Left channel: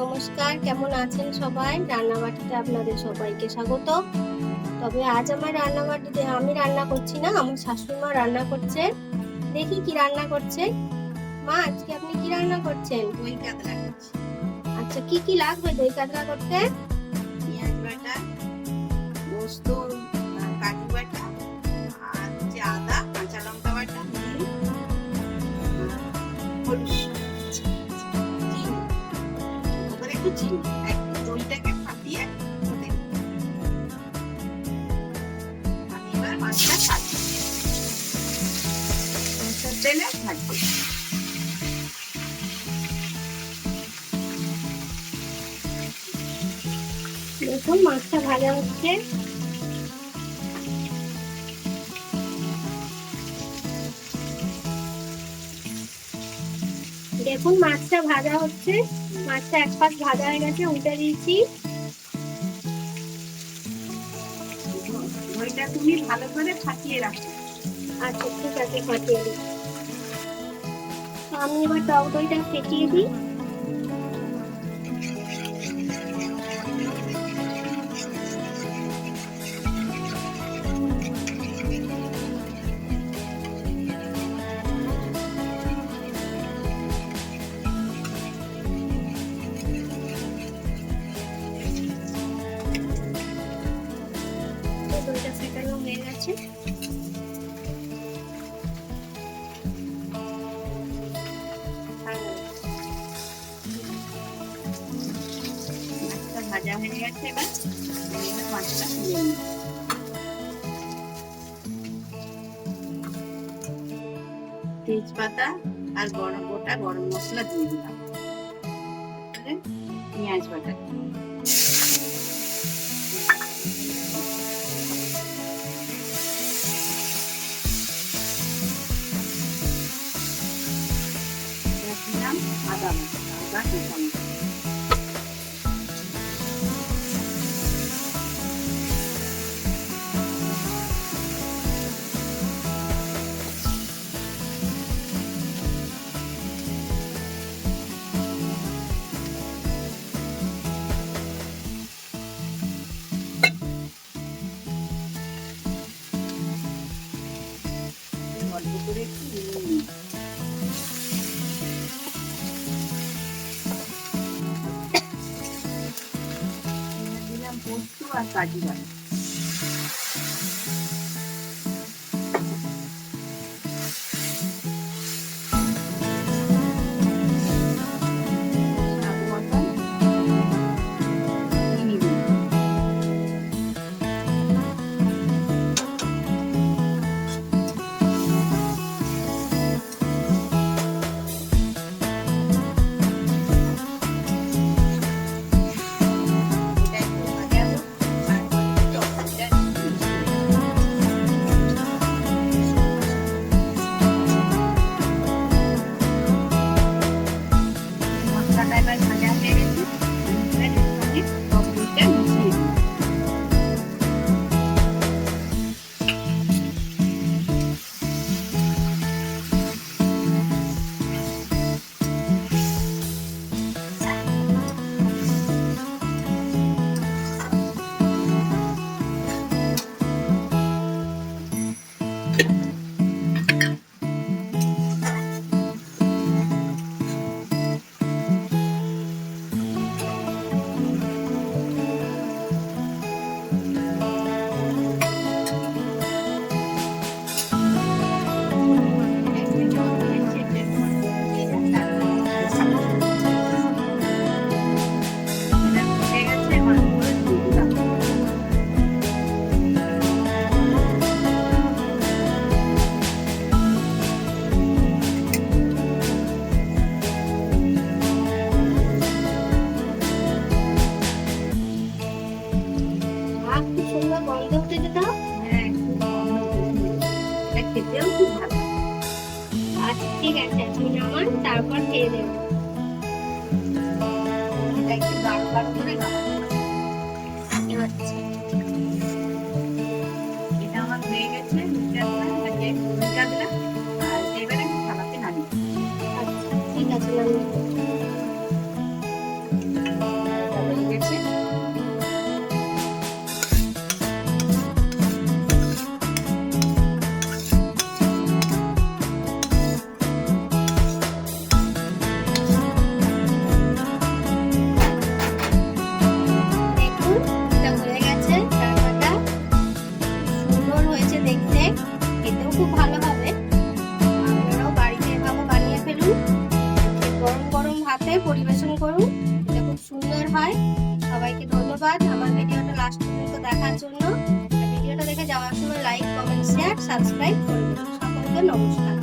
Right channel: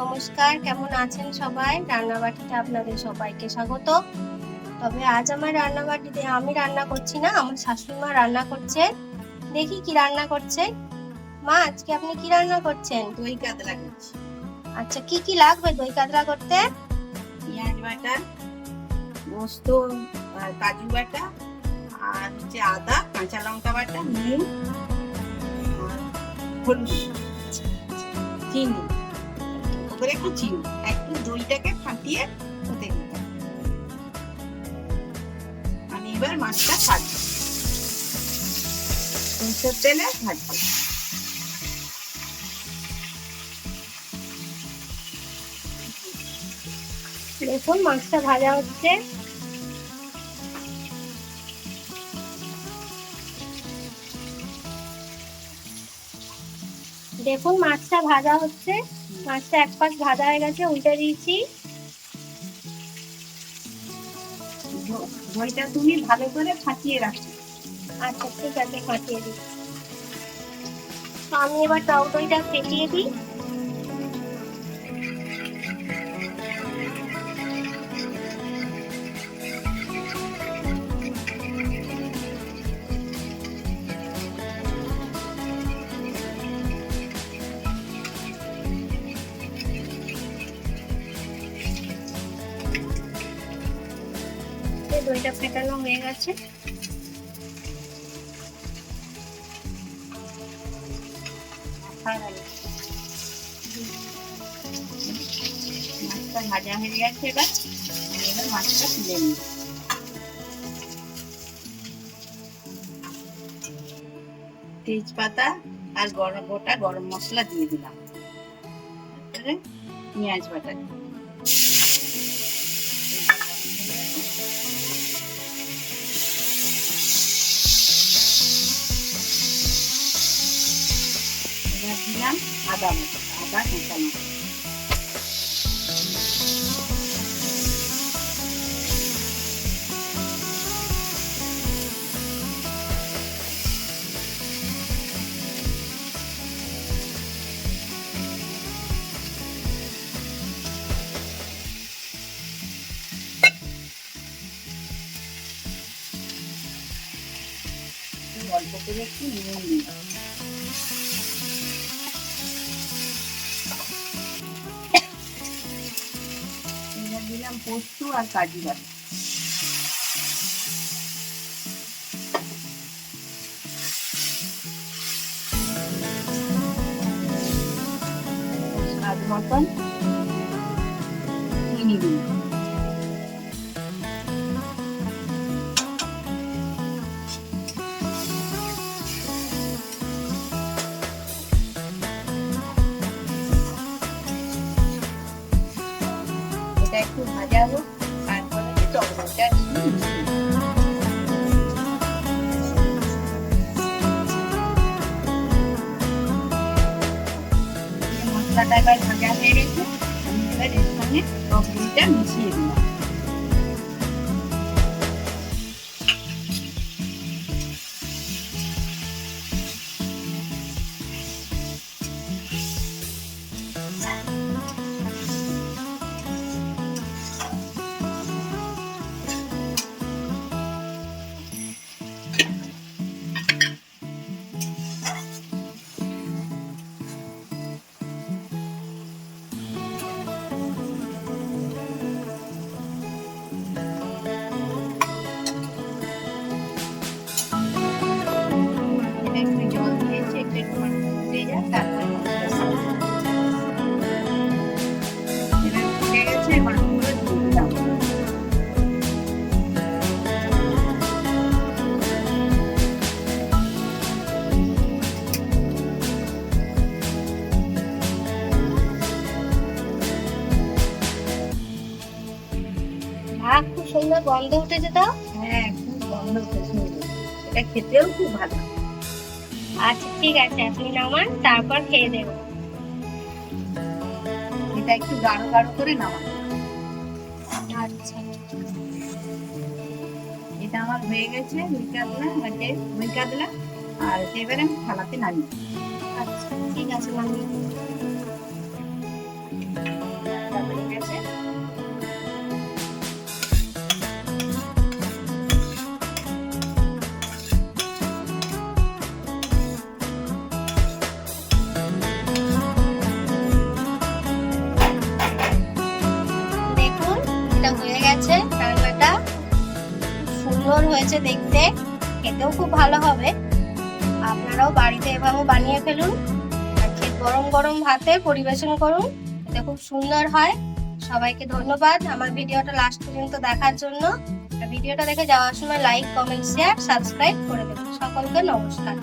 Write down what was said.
নমস্কার, কেমন আছেন সবাই? রান্নাবাটিতে আপনাদের সবাইকে স্বাগত। তবে আজ আমার রান্নাবাটিতে আমি রান্না করছি না, আমার শাশুড়ি মা রান্না করছে। দেখি কি রান্না করছে। মা, আজকে আপনি কি রান্না করছেন? দই কাতলা করছি। আচ্ছা, কি কি লাগবে দই কাতলা করতে? পেঁয়াজ বাটা, পোস্ত আর কাজু বাটা, আর হচ্ছে আদা, কাঁচা লঙ্কা বাটা, নুন, হলুদ, চিনি, করে একটু চিনি, একটু দইটাকে ফাটিয়ে দিতে হবে। আমি এবার মাছটা ছাড়বো, সরষের তেলে ভাজবো। দেখুন মাছটা ভাজা হচ্ছে। দেখুন মাছটা ভাজা হচ্ছে। মাছটা এক পাশ ভাজা হয়ে গেছে, উল্টে দিয়েছি। দইটা তুমি ভালো করে ফাটিয়ে রাখো। আচ্ছা ঠিক আছে, ফাটিয়ে দিই। আমি এবার টক দইটা ফেটিয়ে দিই। দইটা ফেটানো হয়ে গেছে। মাছটা ভাজা হয়ে গেছে, এবার মাছটা তুলে নিই। তেজপাতা আর গোটা গরম মশলা দিয়ে দিলাম, পেঁয়াজ বাটা দিলাম, আদা কুচানো, অল্প করে একটু নুন দিলাম, পোস্ত আর কাজু বাটা, স্বাদ মতন চিনি দিলাম। এটা একটু ভাজা হোক, তারপরে টমেটোটা একটু মিশিয়ে দিলাম। মশলাটা এবার ভাজা হয়ে গেছে, এবার এর সঙ্গে টমেটোটা মিশিয়ে দিলাম। খুব সুন্দর গন্ধ উঠেছে তো। হ্যাঁ, খুব গন্ধ উঠেছে, এটা খেতেও খুব ভালো। আচ্ছা ঠিক আছে, আপনি নামান, তারপর খেয়ে দেবো। এটা একটু গাঢ় গাঢ় করে নামাতে হবে। আচ্ছা এটা আমার হয়ে গেছে, মিটা দিলাম, আর এবারে আমি থালাতে নামিয়ে আচ্ছা ঠিক আছে, নামিয়ে দেবো। হয়েছে দেখতে, খেতেও খুব ভালো হবে। আপনারাও বাড়িতে এভাবে বানিয়ে ফেলুন, গরম গরম ভাতে পরিবেশন করুন, এটা খুব সুন্দর হয়। সবাইকে ধন্যবাদ আমার ভিডিওটা লাস্ট পর্যন্ত দেখার জন্য। ভিডিওটা দেখে যাওয়ার সময় লাইক, কমেন্ট, শেয়ার, সাবস্ক্রাইব করে দেবেন। সকলকে নমস্কার।